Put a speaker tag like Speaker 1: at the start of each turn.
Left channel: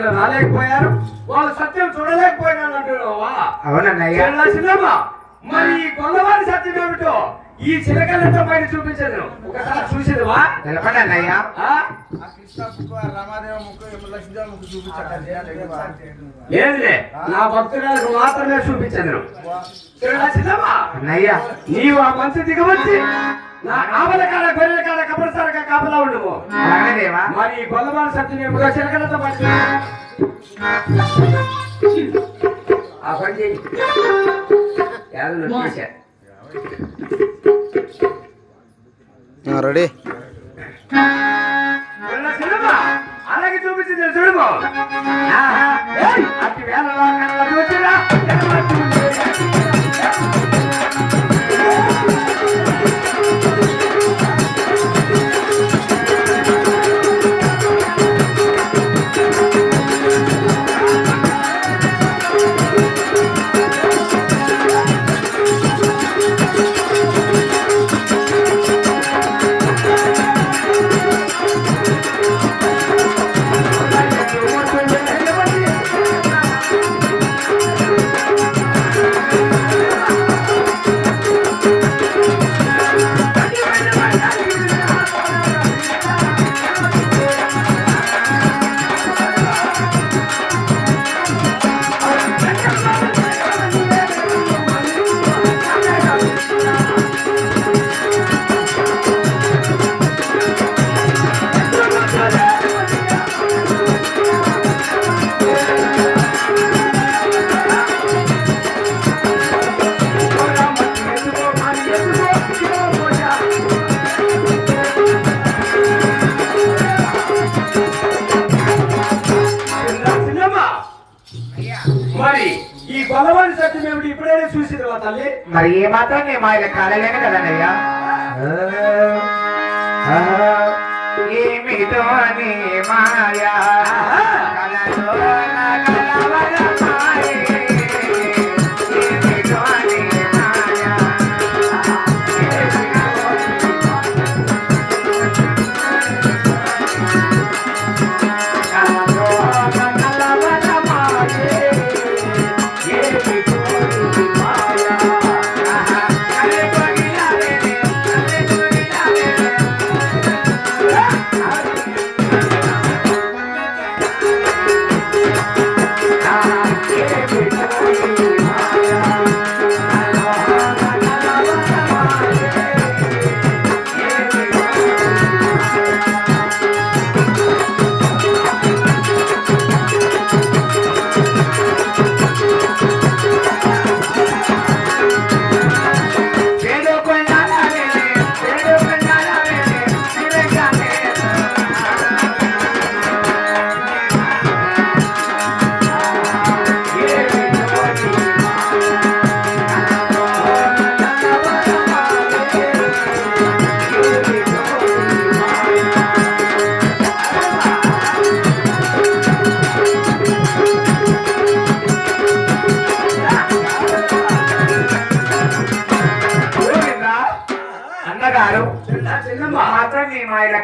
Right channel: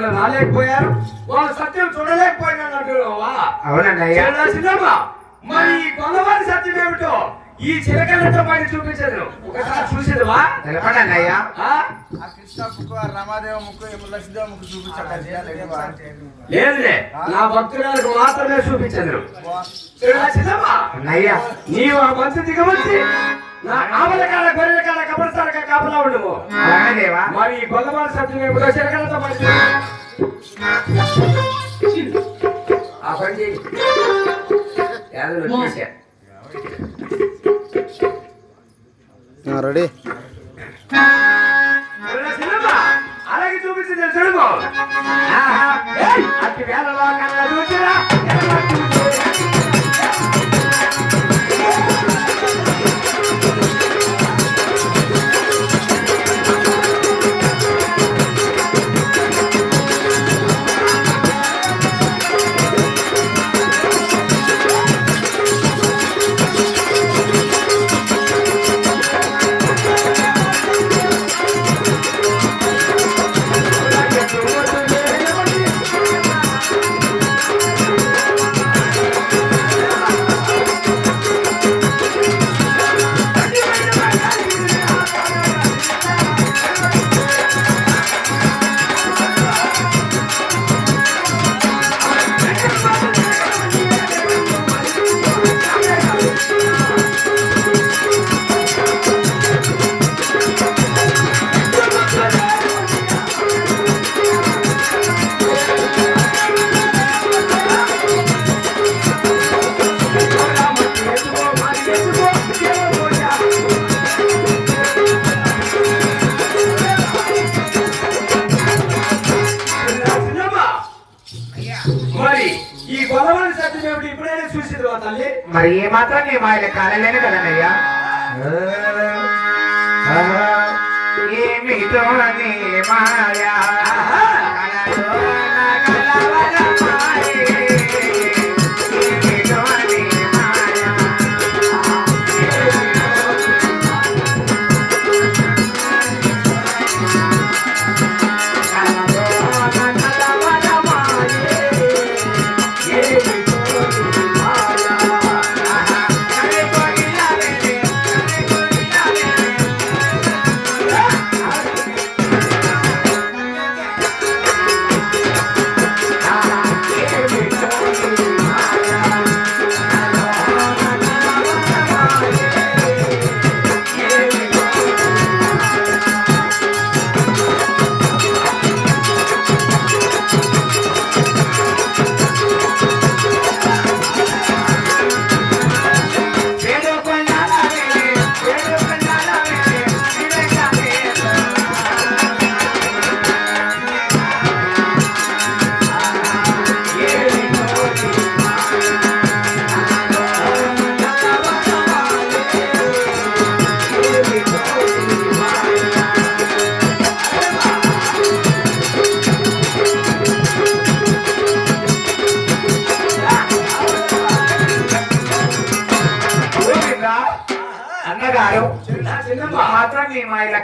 Speaker 1: ఇక్కడ రాలేకపోయారు. వాళ్ళు సత్యం చూడలేకపోయినారు అంటున్నావా మరి కొల్లవారి సత్యం ఏమిటో ఈ చిలకలతో బయట చూపించదు ఒకసారి చూసేదివా
Speaker 2: ముక్కు చూపించాడు
Speaker 1: లేదులే. నా భక్తులకు మాత్రమే చూపించదు చిన్నమ్మా
Speaker 3: అన్నయ్య.
Speaker 1: నీవు ఆ మంచి దిగవచ్చి నా ఆవుల కాడ గొర్రెల కాడ కబరసారగా కాపలా ఉండవు
Speaker 3: అలాగే దేవా
Speaker 1: మరి ఈ కొల్లవారి సత్యం ఏమిటో చిలకలతో బయట ఆ పని చేయి.
Speaker 2: రెడీ.
Speaker 1: అలాగే చూపించింది చూడము అతి వేల లోకంలో చూసినా, సత్యం ఏమిటి ఇప్పుడైనా చూసింది తల్లి.
Speaker 3: మరి ఏ మాత్రం నీ మాయల కాలేలేను కదన్నయ్య. ఏమిటో నీ మాయా. महात्मा नेमायला